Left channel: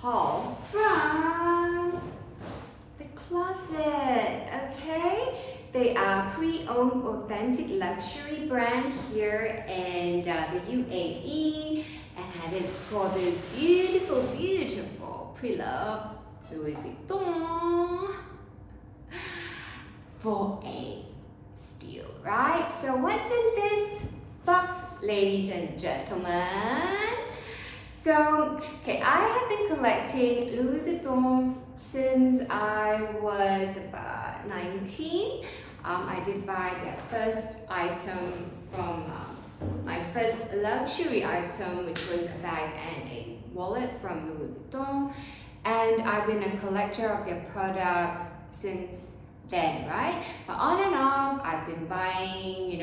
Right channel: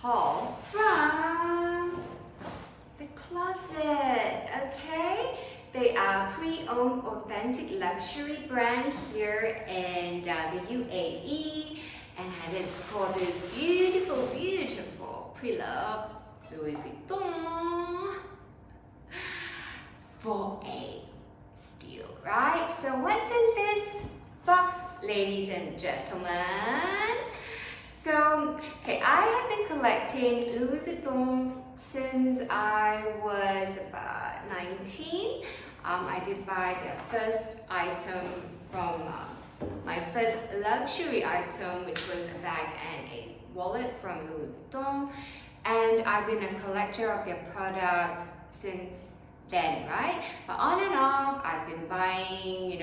haul from the closet, okay? They are pre-owned authentic luxury brand here in the UAE, and it's called this beautiful, beautiful prelove Louis Vuitton for a steal, right? So what's in this box, ladies and gentlemen? So, okay, I have been collecting Louis Vuitton since I was about 19. I did buy their first item from my first luxury item, which was a bag and a wallet from Louis Vuitton. And I've been a collector of their products since then, right? But on and off, I've been buying,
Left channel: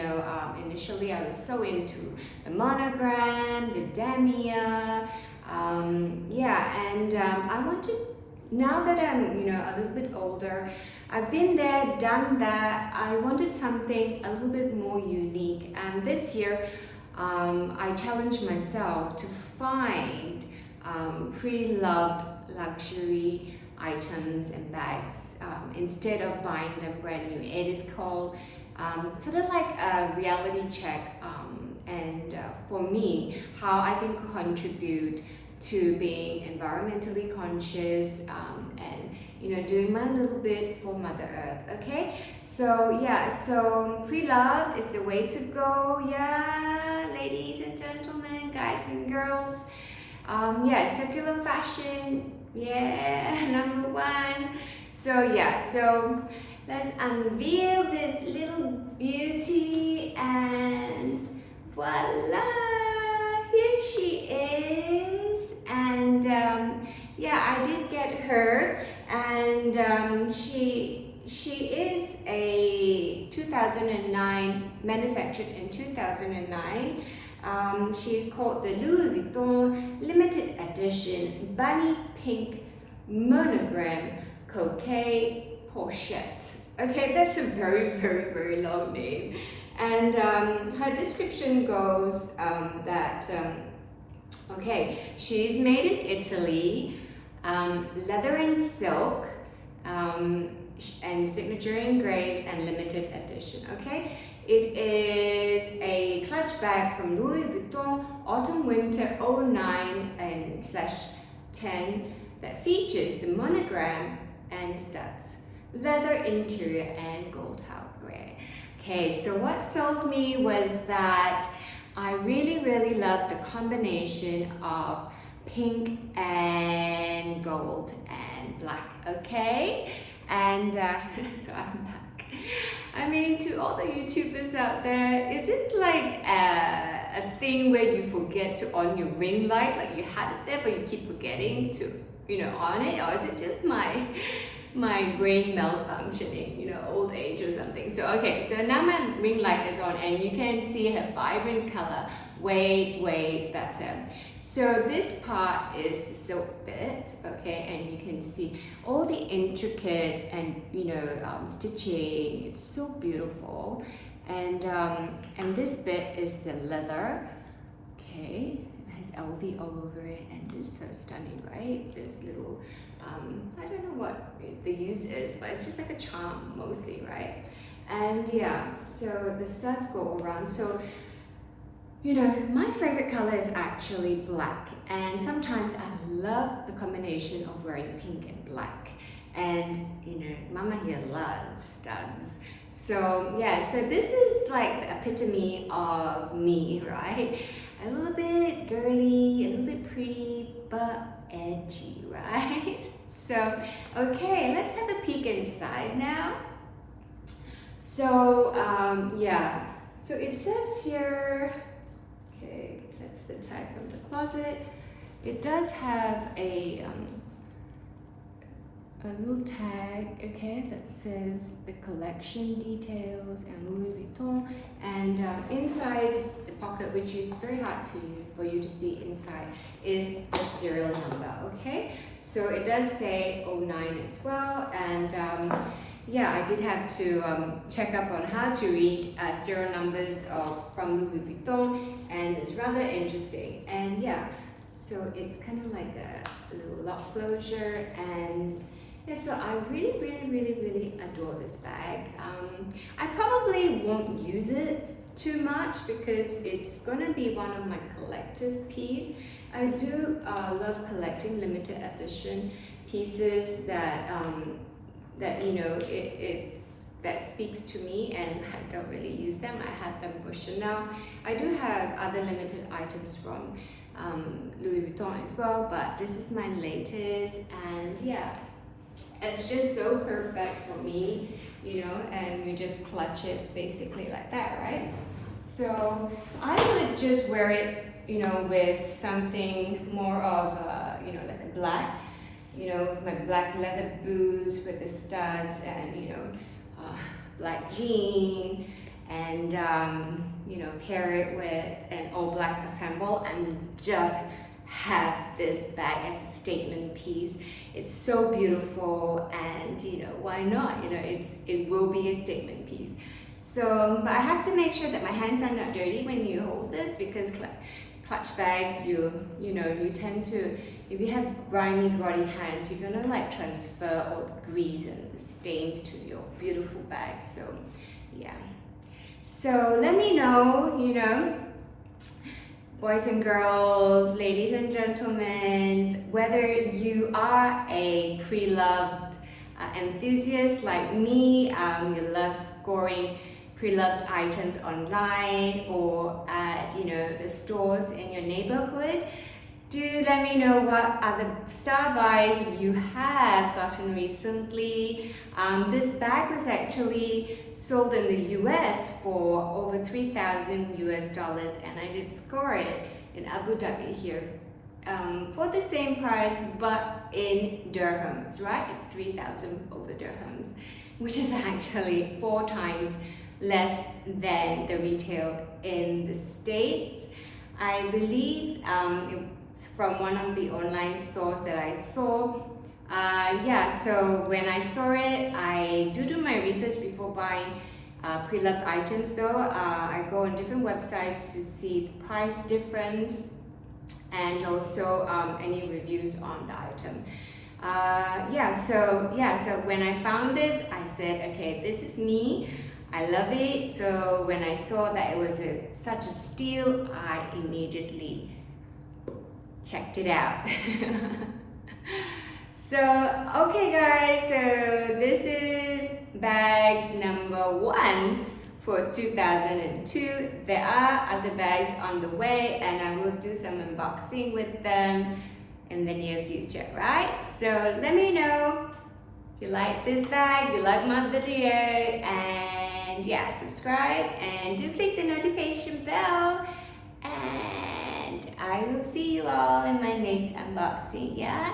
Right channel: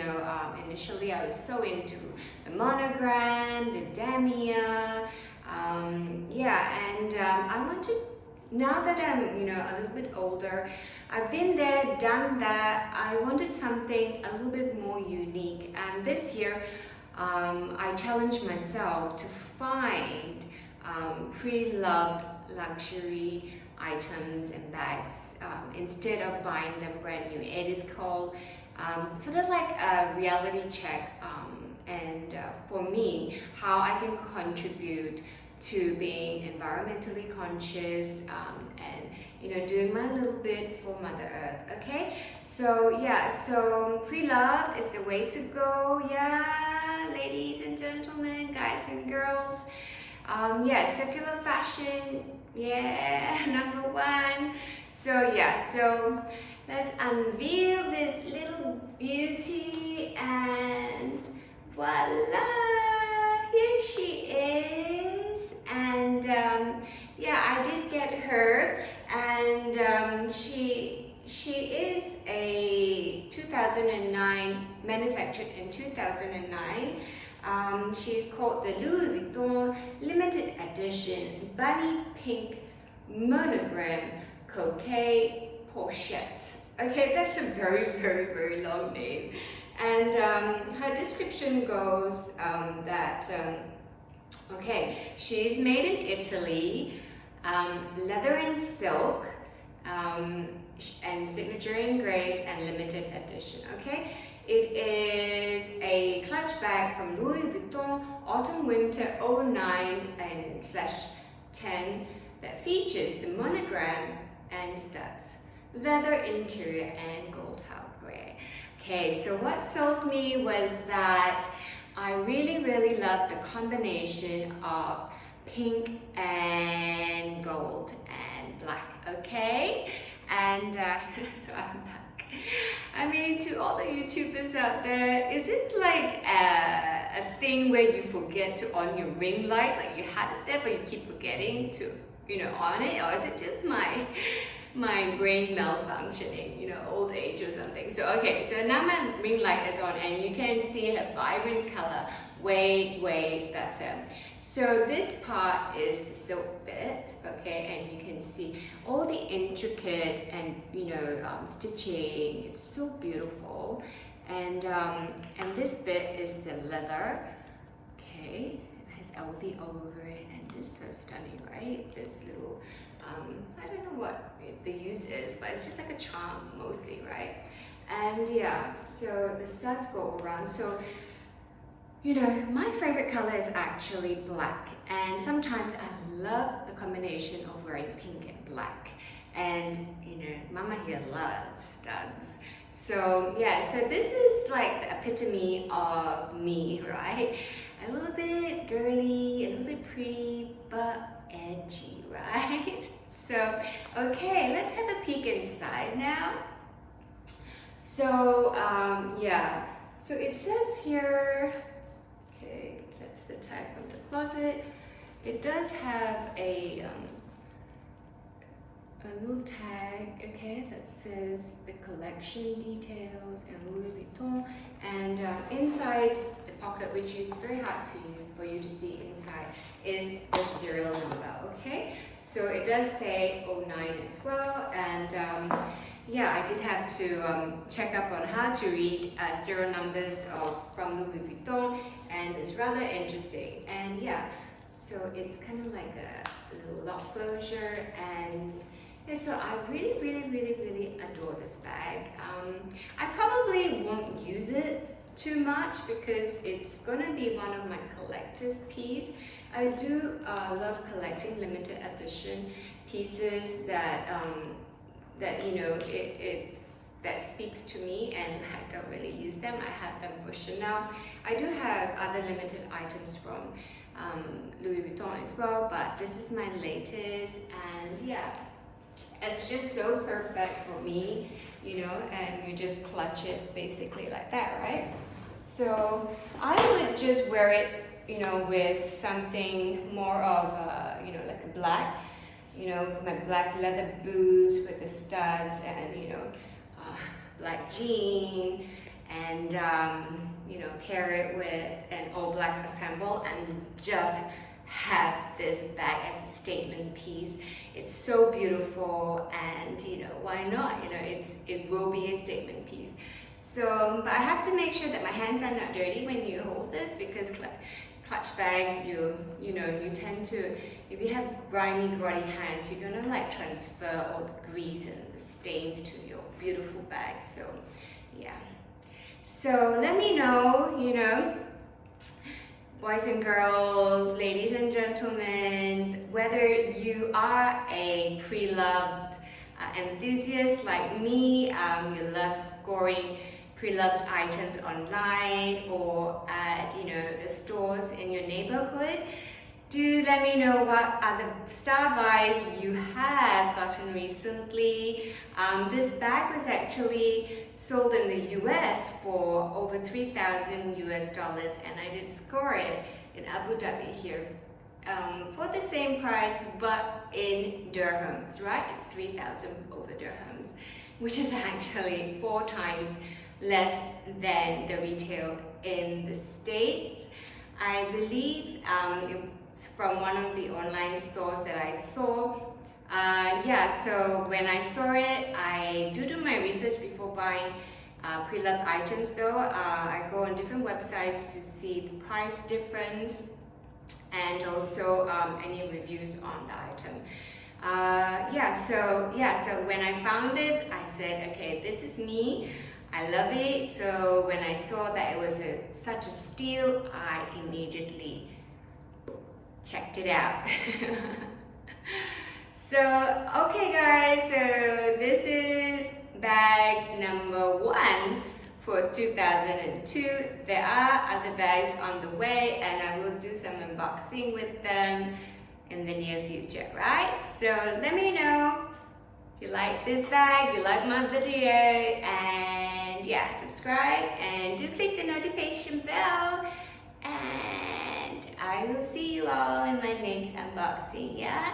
initially I was so into the monogram, the damier, I wanted, now that I'm, a little bit older, I've been there, done that, I wanted something a little bit more unique. And this year, I challenged myself to find pre-loved luxury items and bags instead of buying them brand new. It is called sort of like a reality check, and for me, how I can contribute to being environmentally conscious and doing my little bit for Mother Earth. Okay, so yeah, so pre-loved is the way to go. Yeah, ladies and gentlemen, guys and girls. Circular fashion, yeah, number one. So yeah, so let's unveil this little beauty, and voila, here she is. And I did get her, and she is a 2009, manufactured in 2009. She's called the Louis Vuitton Limited Edition Bunny Pink Monogram Coquet Pochette. Okay, that's a very, very, very long name. And her description goes she's made in Italy, leather and silk, and signature engraved and limited edition, okay? It is a clutch bag from Louis Vuitton Autumn Winter 09 and /10 that features the monogram and studs, leather interior and gold hardware. Okay, so what sold me was that I really, really love the combination of pink and gold and black, okay? And so I'm back. I mean, to all the YouTubers out there, is it like a thing where you forget to on your ring light? Like you had it there, but you keep forgetting to, on it? Or is it just my brain malfunctioning, old age or something? So, okay, so now my ring light is on and you can see her vibrant color way better. So this part is the silk bit, okay, and you can see all the intricate and stitching. It's so beautiful, and this bit is the leather. Okay, it has LV all over it, and it's so stunning, right? This little I don't know what the use is, but it's just like a charm mostly, right? And yeah, so the studs go around. So my favorite color is actually black, and sometimes I love the combination of wearing pink and black, and Mama here loves studs. So yeah, so this is like the epitome of me, right? A little bit girly, a little bit pretty, but edgy, right? So okay, let's have a peek inside now. So so it says here, okay, that's the tag from the closet. It does have a little tag, okay, that says the collection details and Louis Vuitton. And inside the pocket, which is very hard for you to see inside, is the serial number, okay? So it does say 09 as well. And I did have to check up on how to read serial numbers from Louis Vuitton, and it's rather interesting. And So it's kind of like a little lock closure, and yeah, so I really adore this bag. I probably won't use it too much because it's gonna be one of my collector's piece. I do love collecting limited edition pieces that that you know that speaks to me, and I don't really use them. I have them for Chanel. I do have other limited items from Louis Vuitton as well, but this is my latest, and yeah, it's just so perfect for me, you know, and you just clutch it basically like that, right? So I would just wear it, you know, with something more of you know, like a black, you know, with my black leather boots with the studs, and you know, black jean, and you know, pair it with an all black ensemble, and just have this bag as a statement piece. It's so beautiful, and you know, why not? You know, it will be a statement piece. So, but I have to make sure that my hands are not dirty when you hold this, because clutch bags, you know, you tend to, if you have grimy hands, you're gonna like transfer all the grease and the stains to your beautiful bag. So yeah, so let me know, you know, boys and girls, ladies and gentlemen, whether you are a pre-loved enthusiast like me, you love scoring pre-loved items online or at, you know, the stores in your neighborhood. Do let me know what other star buys you have gotten recently. This bag was actually sold in the US for over 3,000 US dollars, and I did score it in Abu Dhabi here for the same price, but in dirhams, right? It's 3,000 over dirhams, which is actually 4 times less than the retail in the States. I believe it's from one of the online stores that I saw. Yeah, so when I saw it, I do my research before buying pre-loved items though. I go on different websites to see the price difference and also any reviews on the item. So when I found this, I said, okay, this is me. I love it. So when I saw that it was such a steal, I immediately checked it out. So okay guys, so this is bag number 1 for 2002. There are other bags on the way, and I will do some unboxing with them in the near future, right? So let me know if you like this bag, you like my video, and yeah, subscribe and do click the notification bell, and I will see you all in my next unboxing, yeah?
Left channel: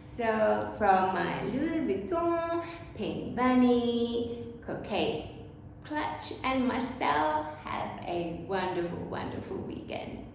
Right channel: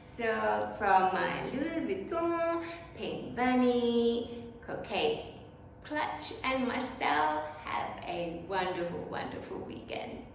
So from my Louis Vuitton, Pink Bunny, Coquette Clutch, and myself, have a wonderful weekend.